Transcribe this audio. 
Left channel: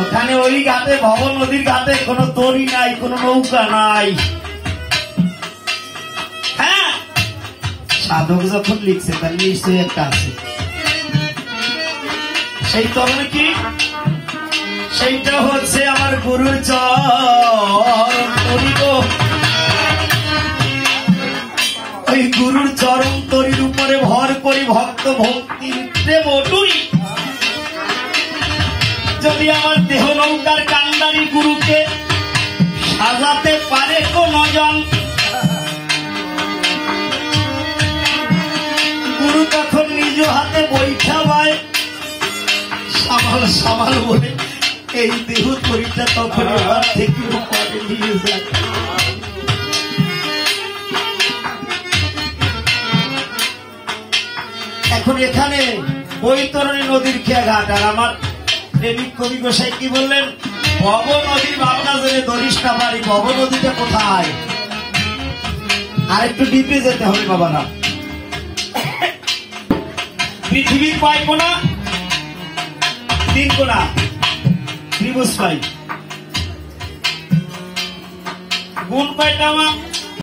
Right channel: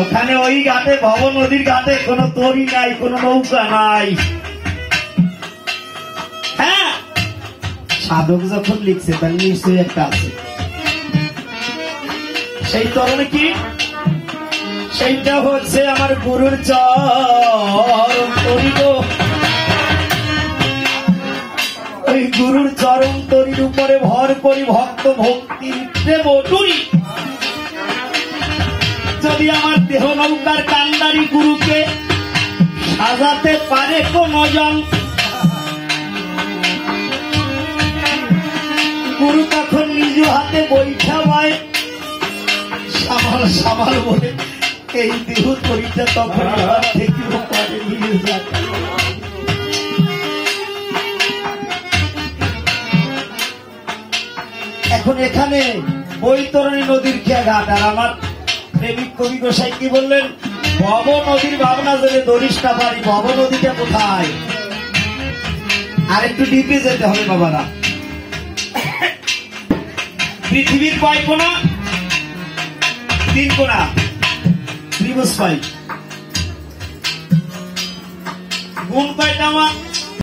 ওখানে ওই ঘাটে ভব নদীর ঘাটে কোনো তরি নাই, কোনো নৌকা নাই। হ্যাঁ, সাধক যখন লিখছে তার নিশ্চয়ই একটা আছে। সেই তরণে কি, সেইটা হচ্ছে আমার গুরুর চরণ তরিব। ওই গুরুর চরণ তরির উপরে ভর করি ভক্ত ভক্তির প্রেম ডুরি। যদি আমার দেহ নৌকার কান্দারি গুরুকে সাজাতে পারে কোনজন, গুরু তখন নিজ হাতে বৈঠা পায় সামাল সামাল বলে এই দেহ তরিটা তখন এবার থেকে ওখানে নিয়ে যায়। এখন এখানে বৈতরণী নদীর খেয়াঘাট। আর আমার প্রেমিক কবি গোসাই কি বললেন, ভব নদীর ভাবনা জেনে ধরিস না পারি, ভব নদীটা কোথায়? আর একটু ডিপে যেতে হবে বাবারা। পৃথিবীর কয় কোনা? 3 কোনা, ত্রিভুজ পাই। গুণ কয়টা আমার?